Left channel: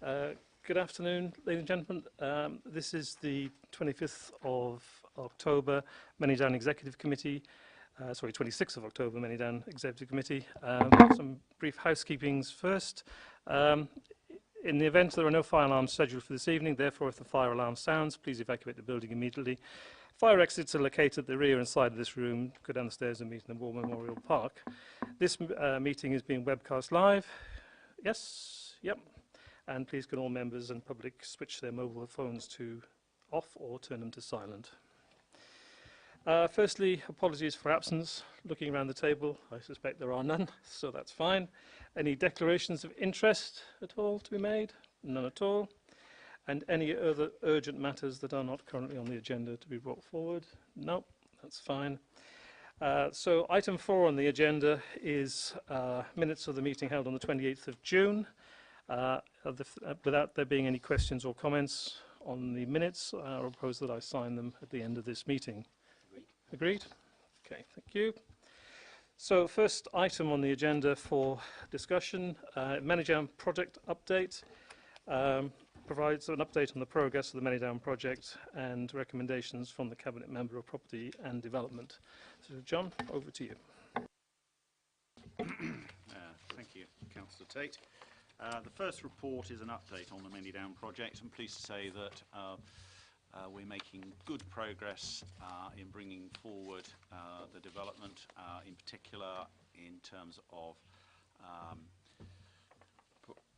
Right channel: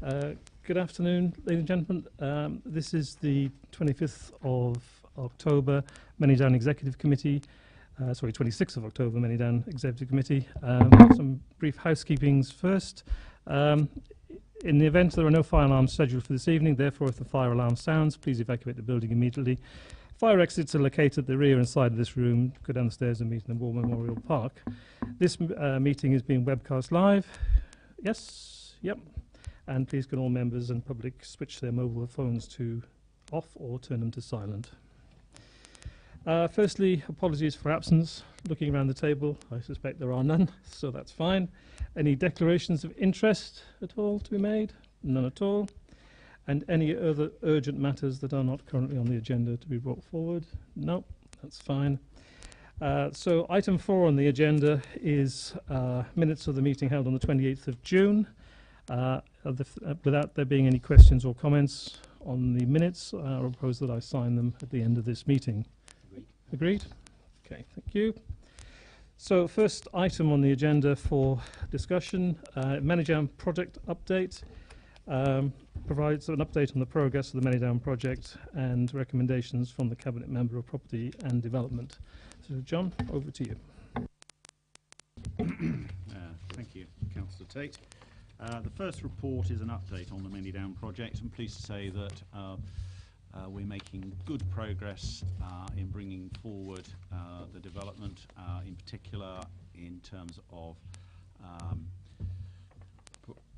Good afternoon, ladies and gentlemen. This is the 25th of October Manydown Executive Committee. 26th of October Manydown Executive Committee. Some brief housekeepings first. In the event there are no fire alarms scheduled for this evening, therefore if the fire alarm sounds, please evacuate the building immediately. Fire exits are located at the rear and side of this room. Go down the stairs and meet in the War Memorial Park. This meeting is being webcast live. Yes? Yep. And please can all members and public switch their mobile phones to off or turn them to silent. Firstly, apologies for absence. Looking around the table, I suspect there are none, so that's fine. Any declarations of interest at all to be made? None at all. And any other urgent matters that are not currently on the agenda to be brought forward? No, that's fine. So item 4 on the agenda is minutes of the meeting held on the 28th of June. Without there being any questions or comments on the minutes, I propose that I sign them at the end of this meeting. Agreed? Okay, thank you. So first item on the agenda for discussion, Manydown project update. Provides an update on the progress of the Manydown project and recommendations from the Cabinet Member of Property and Development. So John, over to you. Thank you, Councillor Tate. The first report is an update on the Manydown project. I'm pleased to say that we're making good progress in bringing forward the development, in particular in terms of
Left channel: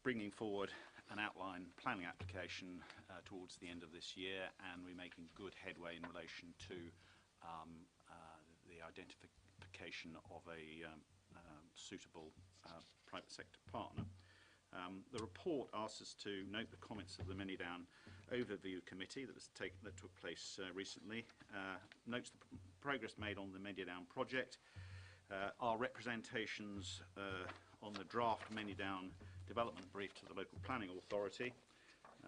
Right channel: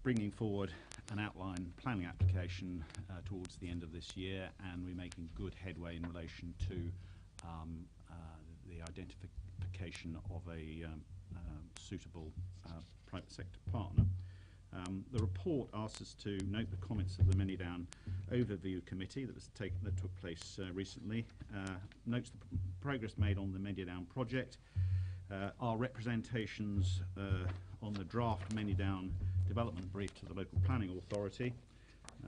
bringing forward an outline planning application towards the end of this year, and we're making good headway in relation to the identification of a suitable private sector partner. The report asks us to note the comments of the Manydown Overview Committee that took place recently, notes the progress made on the Manydown project, our representations on the draft Manydown development brief to the local planning authority,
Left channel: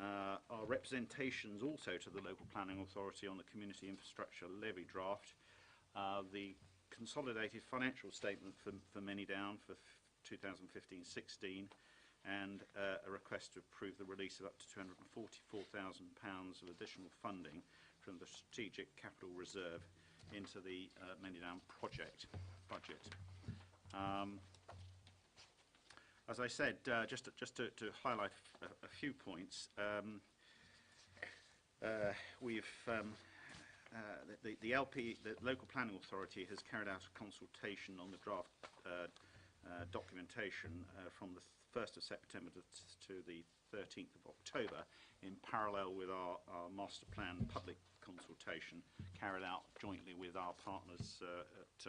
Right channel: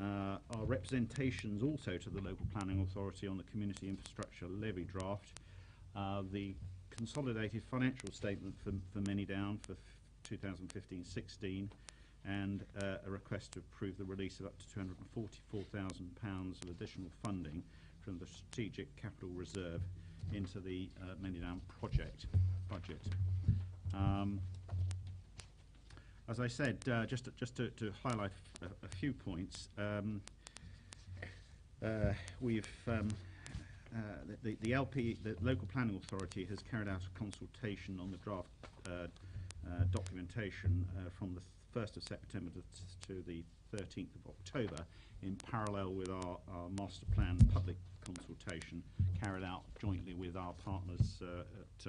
our representations also to the local planning authority on the community infrastructure levy draft, the consolidated financial statement for Manydown for 2015-16, and a request to approve the release of up to £244,000 of additional funding from the Strategic Capital Reserve into the Manydown project budget. As I said, just to highlight a few points, the local planning authority has carried out a consultation on the draft documentation from the 1st of September to the 13th of October, in parallel with our master plan public consultation carried out jointly with our partners at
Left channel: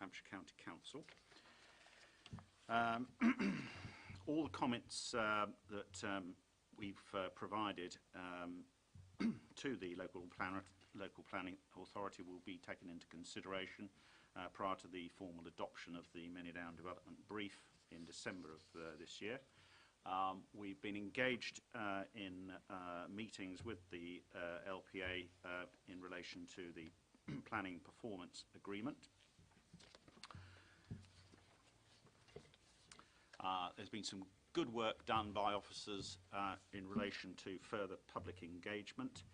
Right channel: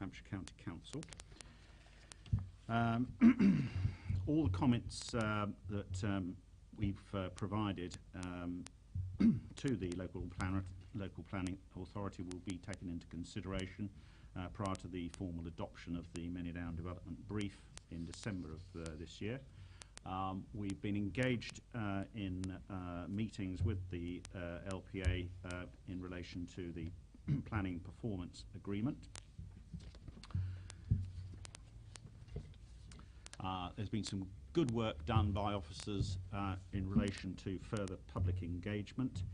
Hampshire County Council. All the comments that we've provided to the local planning authority will be taken into consideration prior to the formal adoption of the Manydown development brief in December of this year. We've been engaged in meetings with the LPA in relation to the planning performance agreement. There's been some good work done by officers in relation to further public engagement.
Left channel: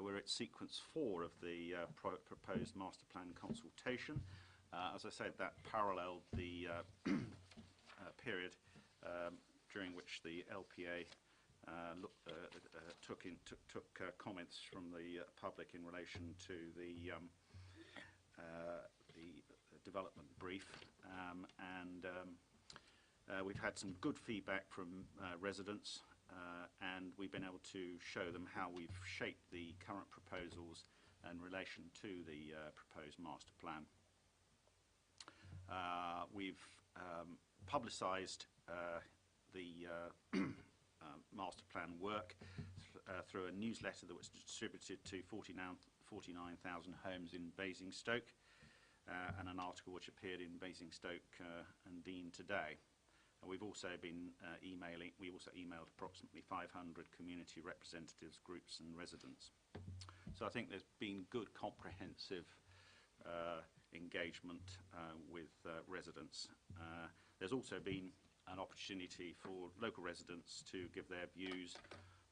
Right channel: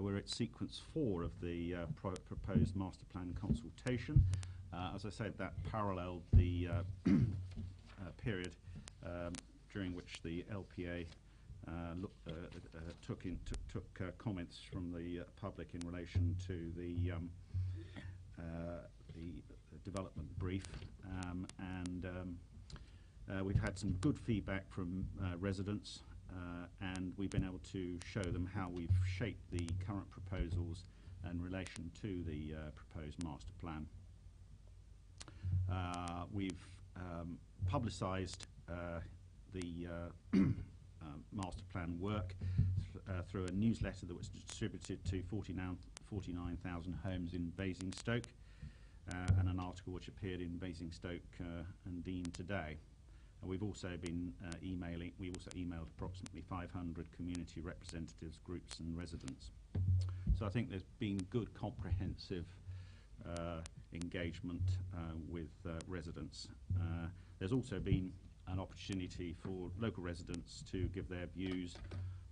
We're at sequence 4 of the proposed master plan consultation. As I said, that paralleled the period during which the LPA took comments from the public in relation to the development brief, and we've had some good feedback from residents, and we've been able to show them how we've shaped the current proposals in relation to the proposed master plan. We've publicised the master plan work through a newsletter that was distributed to 49,000 homes in Basingstoke, and an article which appeared in Basingstoke and Dean today. And we've also been we also emailed approximately 500 community representatives, groups and residents. So I think there's been good comprehensive engagement with residents. There's also been an opportunity for local residents to give their views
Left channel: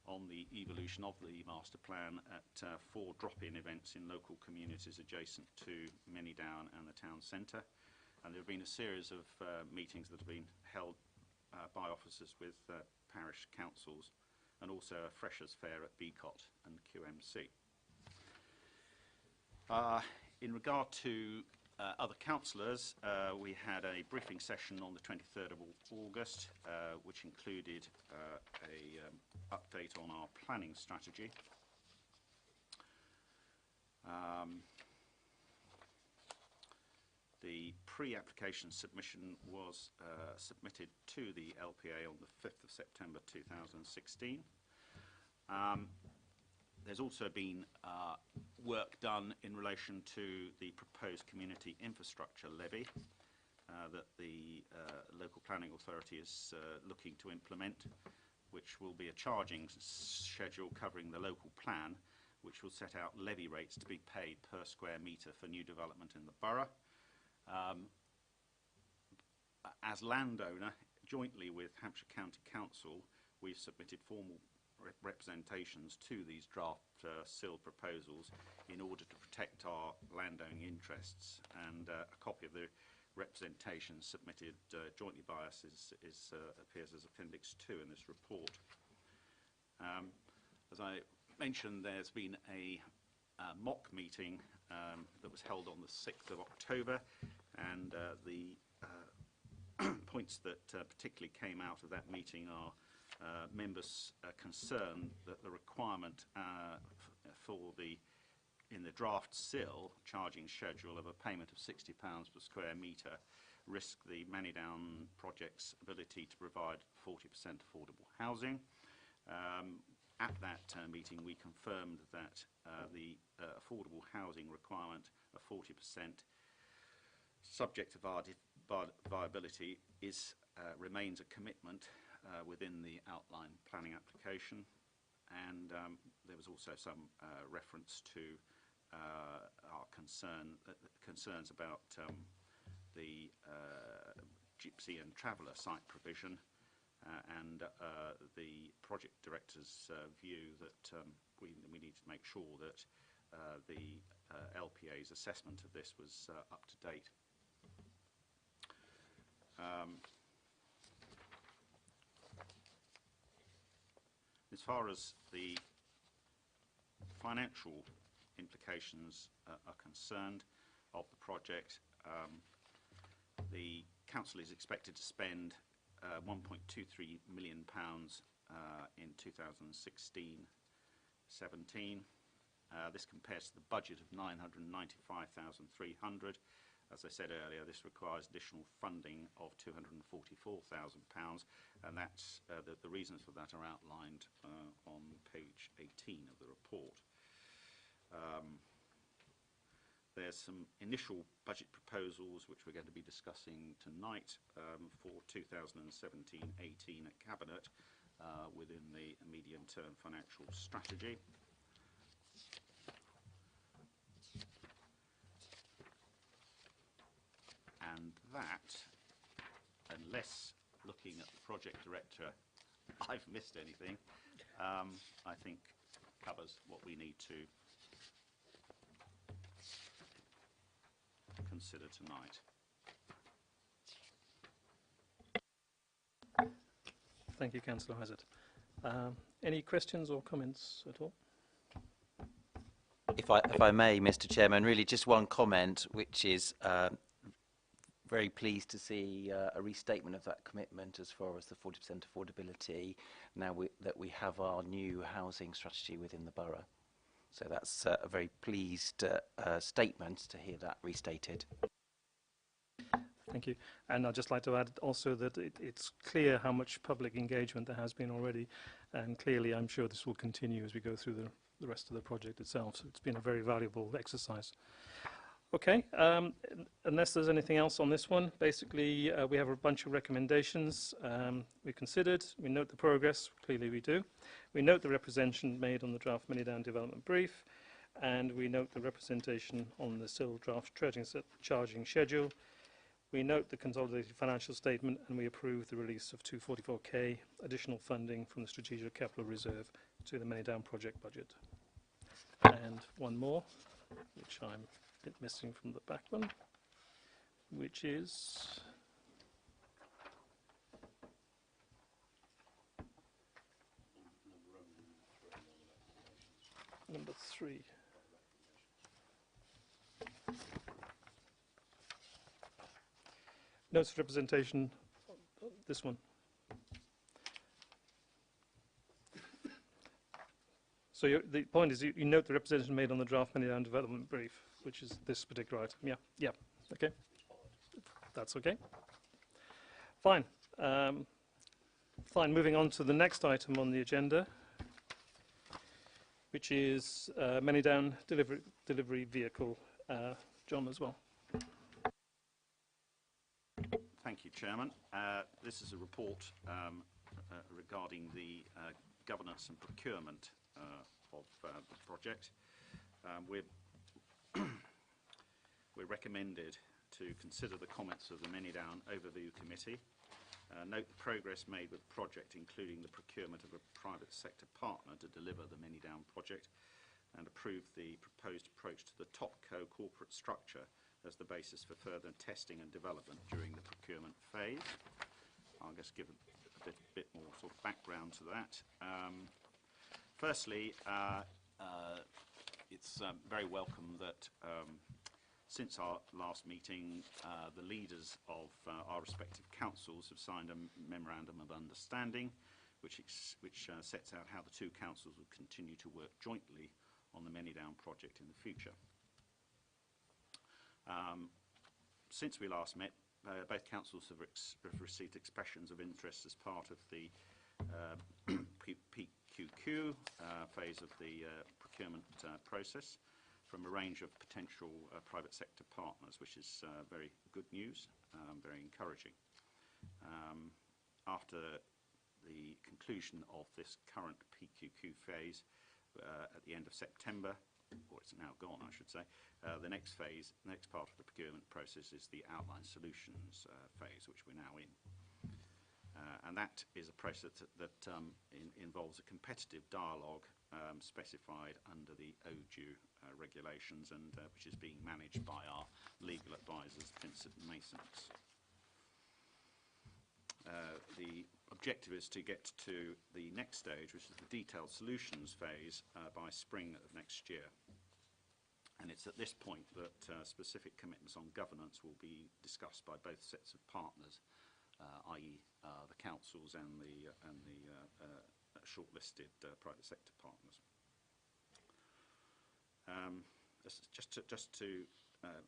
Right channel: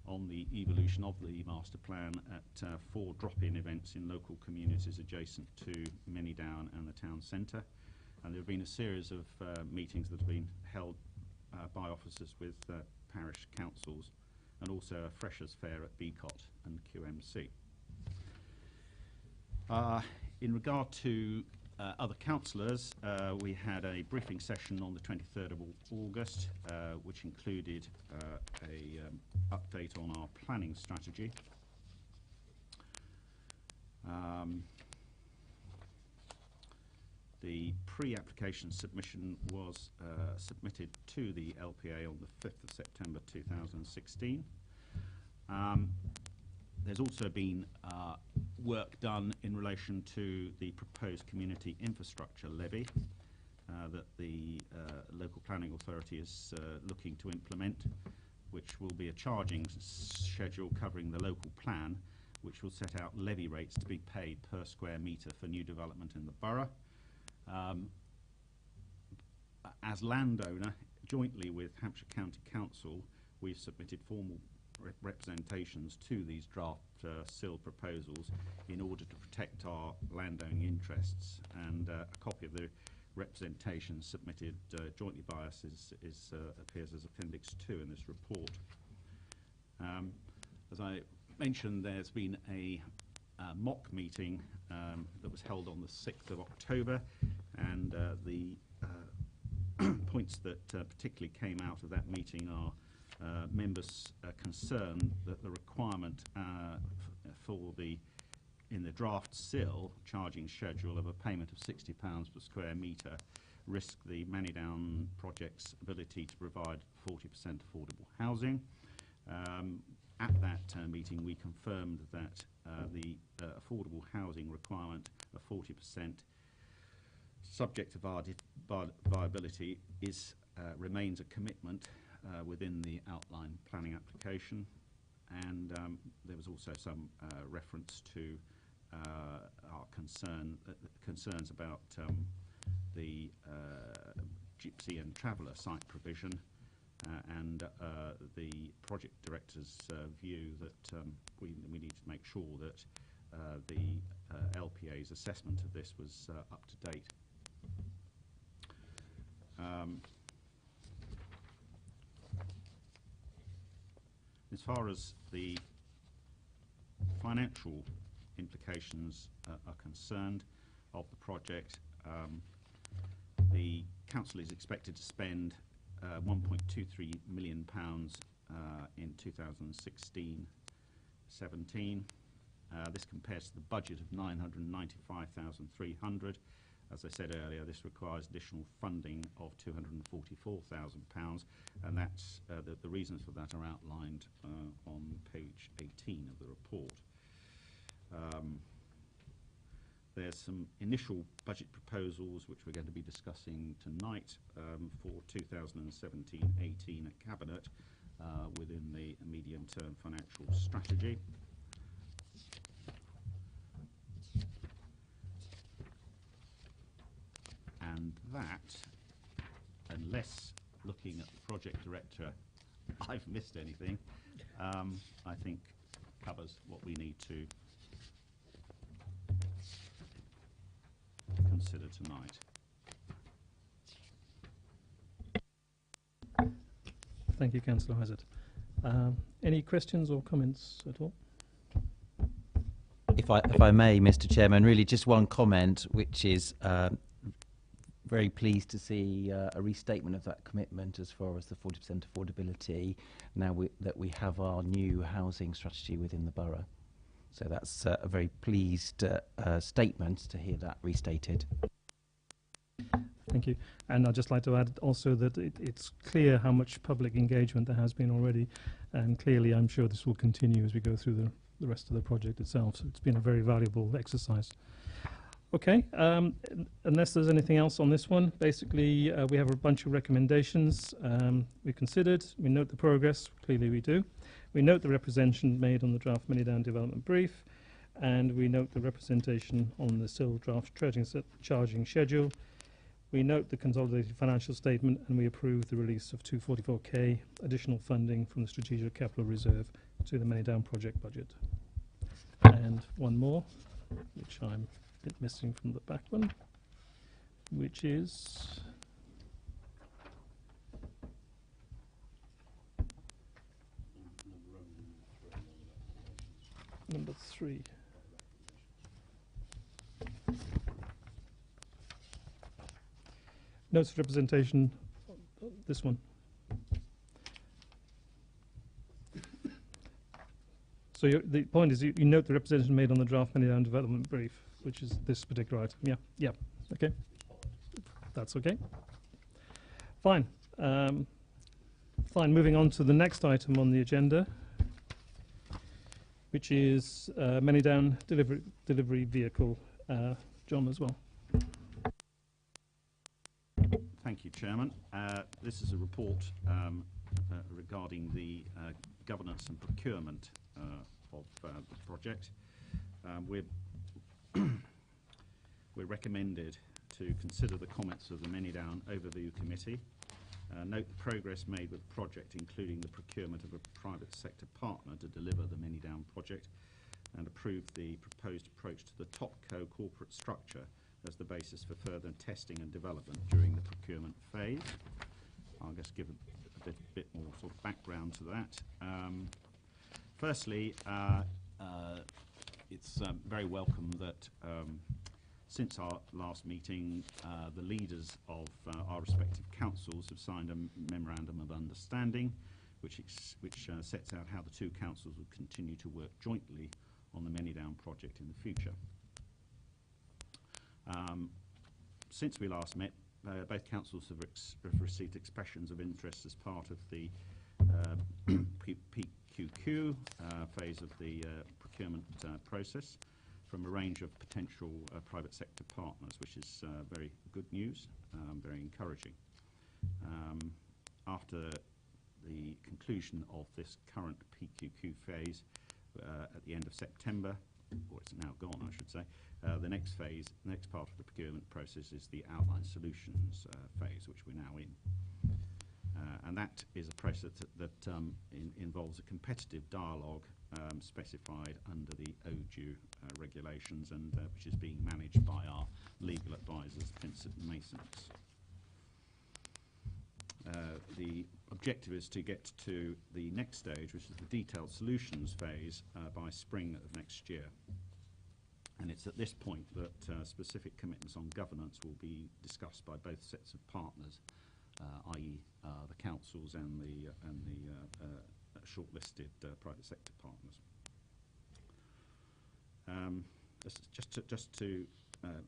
on the evolution of the master plan at 4 drop-in events in local communities adjacent to Manydown and the town centre. And there have been a series of meetings that have been held by officers with parish councils, and also a freshers fair at BCOT and QMC. In regard to other councillors, we had a briefing session on the 23rd of August, which included a update on our planning strategy. The pre-application submission was submitted to the LPA on the 5th of September 2016. There's also been work done in relation to the proposed community infrastructure levy that the local planning authority is looking to implement, which will be a charging schedule covering the local plan, which will set out levy rates to be paid per square metre for new development in the borough. As landowner, jointly with Hampshire County Council, we've submitted formal representations to these draft SIL proposals in order to protect our landowning interests, and a copy of the representation submitted jointly by us appears as Appendix 2 in this report. As I mentioned, there's been a mock meeting that was held on the 6th of October, and the points that particularly came out of that meeting are members' concern that the requirement in the draft SIL charging schedule of a payment of £60 per square metre risk the Manydown project's ability to provide 40% affordable housing. At that meeting, we confirmed that the affordable housing requirement of 40%, subject to viability, remains a commitment within the outline planning application. And there was also some reference to our concerns about the gypsy and traveller site provision, and the project director's view that we need to make sure that the LPA's assessment of this was up to date. As far as the financial implications are concerned of the project, the council is expected to spend £1.23 million in 2016-17. This compares to the budget of £995,300. As I said earlier, this requires additional funding of £244,000, and that's the reasons for that are outlined on page 18 of the report. There's some initial budget proposals which we're going to be discussing tonight for 2017-18 at Cabinet within the medium-term financial strategy. And that, unless looking at the project director I've missed anything, I think covers what we need to consider tonight. Thank you, Councillor Hazard. Any questions or comments at all? If I may, Mr. Chairman, really just one comment, which is very pleased to see a restatement of that commitment as far as the 40% affordability now that we have our new housing strategy within the borough. So that's a very pleased statement to hear that restated. Thank you. And I'd just like to add also that it's clear how much public engagement there has been already, and clearly I'm sure this will continue as we go through the rest of the project itself. So it's been a very valuable exercise. Okay, unless there's anything else on this one, basically we have a bunch of recommendations we considered. We note the progress, clearly we do. We note the representation made on the draft Manydown development brief, and we note the representation on the SIL draft charging schedule. We note the consolidated financial statement and we approve the release of 244k additional funding from the Strategic Capital Reserve to the Manydown project budget. And one more, which I'm a bit missing from the back one, which is number 3. Notes of representation, this one. So the point is you note the representation made on the draft Manydown development brief, which is this particular item. Yeah, okay. That's okay. Fine. Fine, moving on to the next item on the agenda, which is Manydown delivery vehicle. John as well. Thank you, Chairman. This is a report regarding the governance and procurement of the project. We're recommended to consider the comments of the Manydown Overview Committee, note the progress made with the project, including the procurement of a private sector partner to deliver the Manydown project, and approve the proposed approach to the TopCo corporate structure as the basis for further testing and development during the procurement phase. I'll just give a bit more sort of background to that. Firstly, it's very welcome that since our last meeting, the leaders of our respective councils have signed a memorandum of understanding, which sets out how the two councils will continue to work jointly on the Manydown project in the future. Since we last met, both councils have received expressions of interest as part of the PQQ phase of the procurement process from a range of potential private sector partners, which is very good news, very encouraging. After the conclusion of this current PQQ phase at the end of September, or it's now gone, I should say, the next phase, the next part of the procurement process is the outline solutions phase, which we're now in. And that is a process that involves a competitive dialogue specified under the ODU regulations, and which is being managed by our legal advisors, Pinsent & Masons. The objective is to get to the next stage, which is the detailed solutions phase, by spring of next year. And it's at this point that specific commitments on governance will be discussed by both sets of partners, i.e. the councils and the shortlisted private sector partners. Just to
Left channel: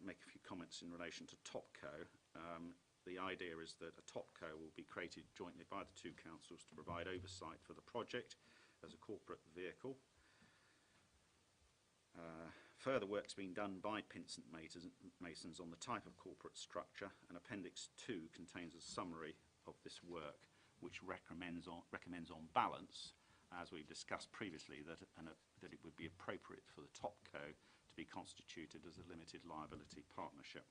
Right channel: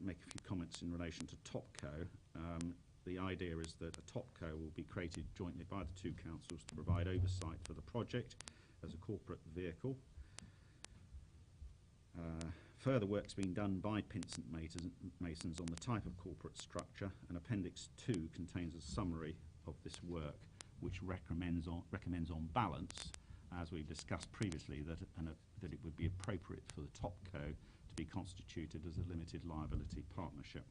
make a few comments in relation to TopCo, the idea is that a TopCo will be created jointly by the two councils to provide oversight for the project as a corporate vehicle. Further work's being done by Pinsent Masons on the type of corporate structure, and Appendix 2 contains a summary of this work, which recommends on balance, as we've discussed previously, that it would be appropriate for the TopCo to be constituted as a limited liability partnership.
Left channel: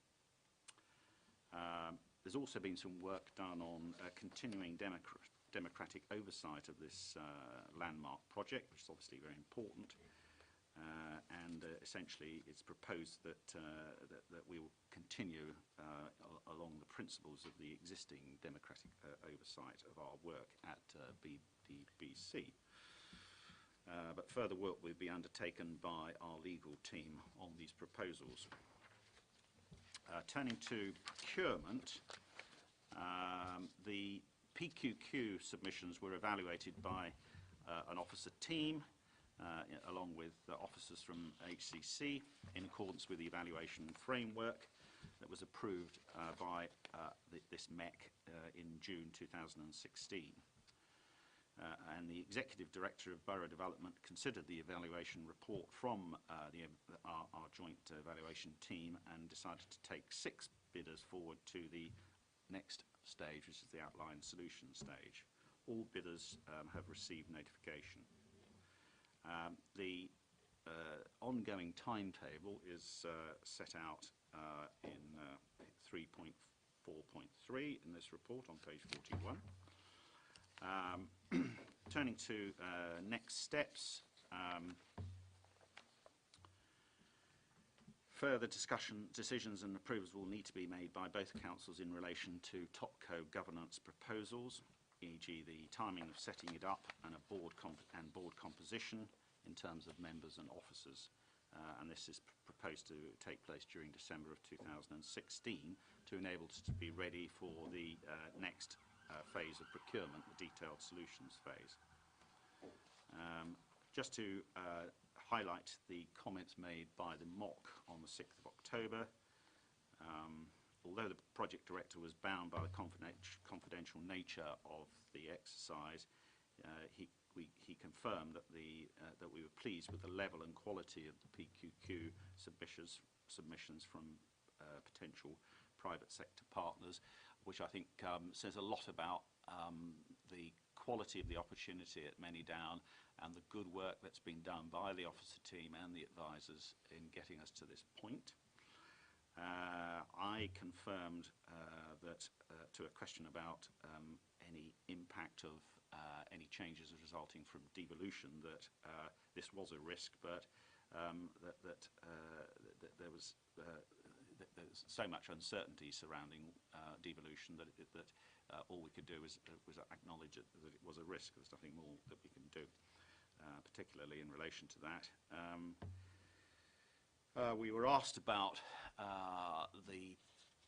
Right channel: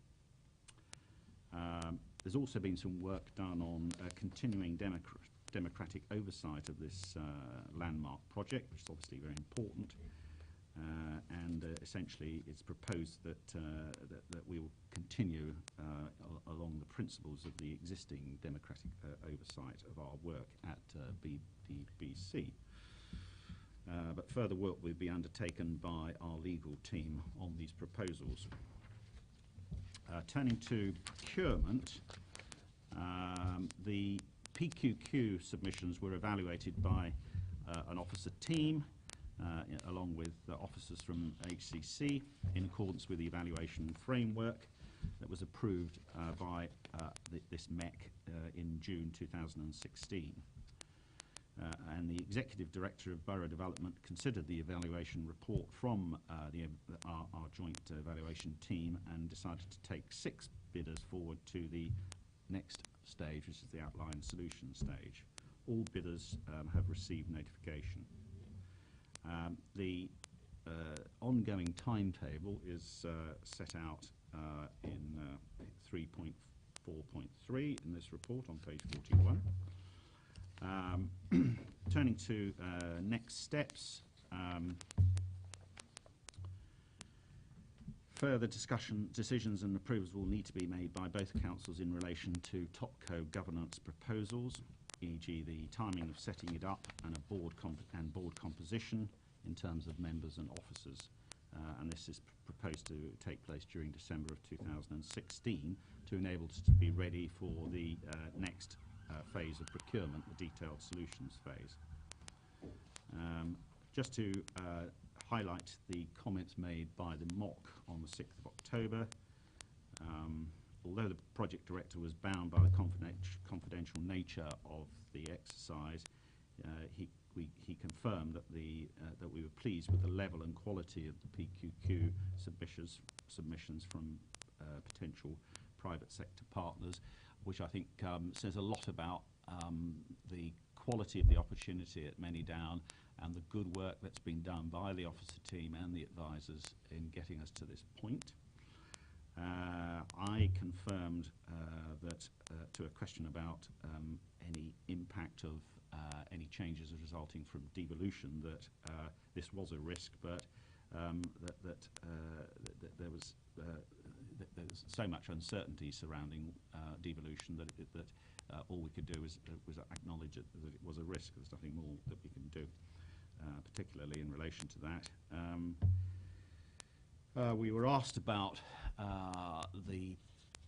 There's also been some work done on continuing democratic oversight of this landmark project, which is obviously very important. And essentially, it's proposed that we will continue along the principles of the existing democratic oversight of our work at BDBC. But further work will be undertaken by our legal team on these proposals. Turning to procurement, the PQQ submissions were evaluated by an officer team, along with officers from HCC, in accordance with the evaluation framework that was approved by this MEC in June 2016. And the Executive Director of Borough Development considered the evaluation report from our joint evaluation team and decided to take 6 bidders forward to the next stage, which is the outline solution stage. All bidders have received notification. The ongoing timetable is set out in 3.4 4.3 in this report on page 41. Turning to next steps, further decisions and approvals will need to be made by both councils in relation to TopCo governance proposals, e.g. the timing of setting it up and board composition in terms of members and officers. And this is proposed to take place during December of 2016 to enable us to be ready for the next phase of procurement, the detailed solutions phase. Just to highlight the comments made by the MOC on the 6th of October, although the project director was bound by the confidential nature of the exercise, he confirmed that that we were pleased with the level and quality of the PQQ submissions from potential private sector partners, which I think says a lot about the quality of the opportunity at Manydown and the good work that's been done by the officer team and the advisors in getting us to this point. I confirmed that to a question about any impact of any changes resulting from devolution, that this was a risk, but that there was so much uncertainty surrounding devolution that all we could do was acknowledge that it was a risk. There's nothing more that we can do, particularly in relation to that. We were asked about the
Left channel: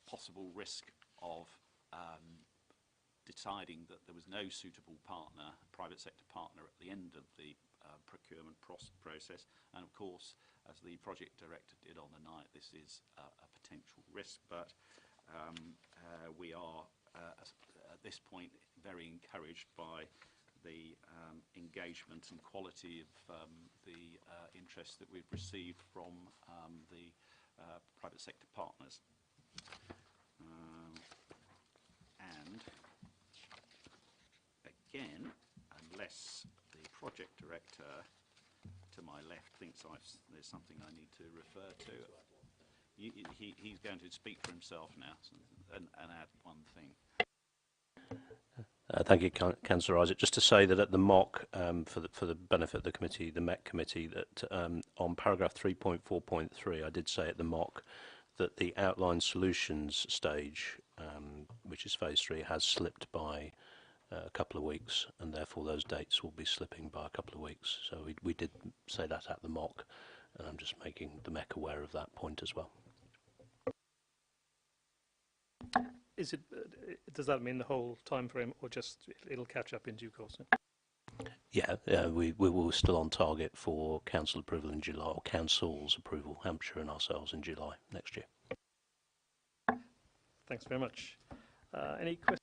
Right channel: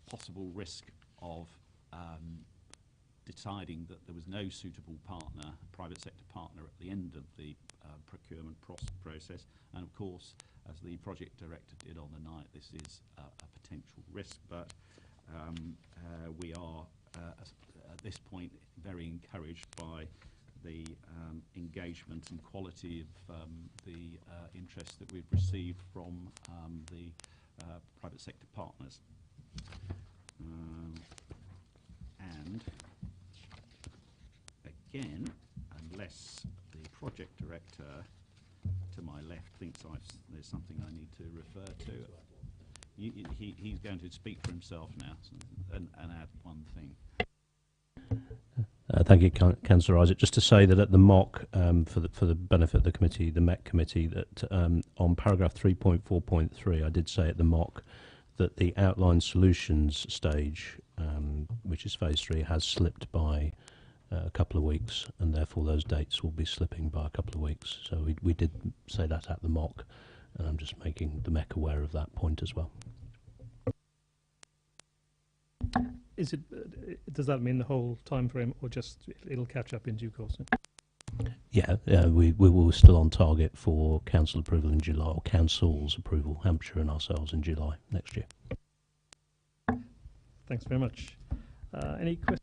possible risk of deciding that there was no suitable partner, private sector partner, at the end of the procurement process. And of course, as the project director did on the night, this is a potential risk, but we are at this point very encouraged by the engagement and quality of the interest that we've received from the private sector partners. And again, unless the project director to my left thinks there's something I need to refer to, he's going to speak for himself now and add one thing. Thank you, Councillor Isaac. Just to say that at the MOC, for the benefit of the committee, the MEC committee, that on paragraph 3.4.3, I did say at the MOC that the outline solutions stage, which is phase 3, has slipped by a couple of weeks, and therefore those dates will be slipping by a couple of weeks. So we did say that at the MOC, and I'm just making the MEC aware of that point as well. Is it? Does that mean the whole time frame, or just it'll catch up in due course? Yeah, we were still on target for council approval in July, or council's approval, Hampshire and ourselves, in July next year. Thanks very much. Any questions?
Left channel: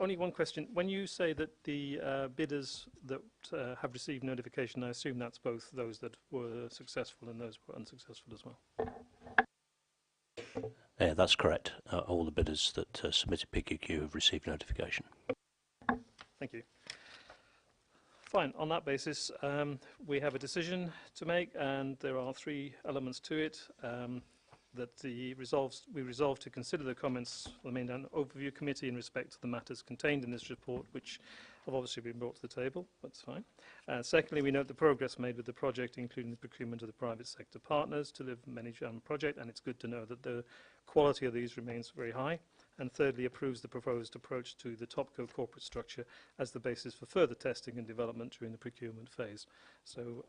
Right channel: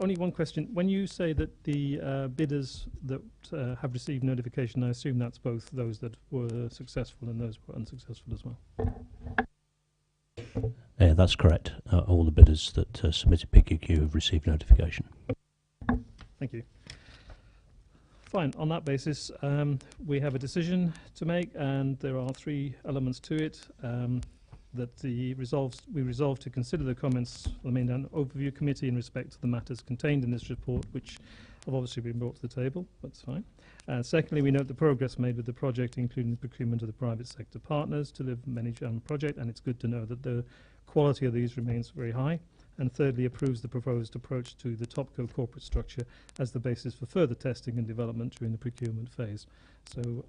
Only one question. When you say that the bidders that have received notification, I assume that's both those that were successful and those who were unsuccessful as well? Yeah, that's correct. All the bidders that submitted PQQ have received notification. Thank you. Fine. On that basis, we have a decision to make, and there are 3 elements to it. That we resolve to consider the comments of the Manydown Overview Committee in respect to the matters contained in this report, which have obviously been brought to the table. That's fine. Secondly, we note the progress made with the project, including the procurement of the private sector partners to the Manydown project, and it's good to know that the quality of these remains very high. And thirdly, approves the proposed approach to the TopCo corporate structure as the basis for further testing and development during the procurement phase. So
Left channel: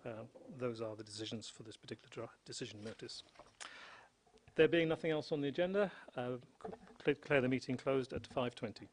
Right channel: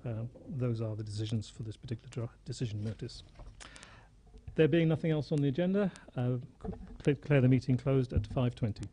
those are the decisions for this particular decision notice. There being nothing else on the agenda, declare the meeting closed at 5:20.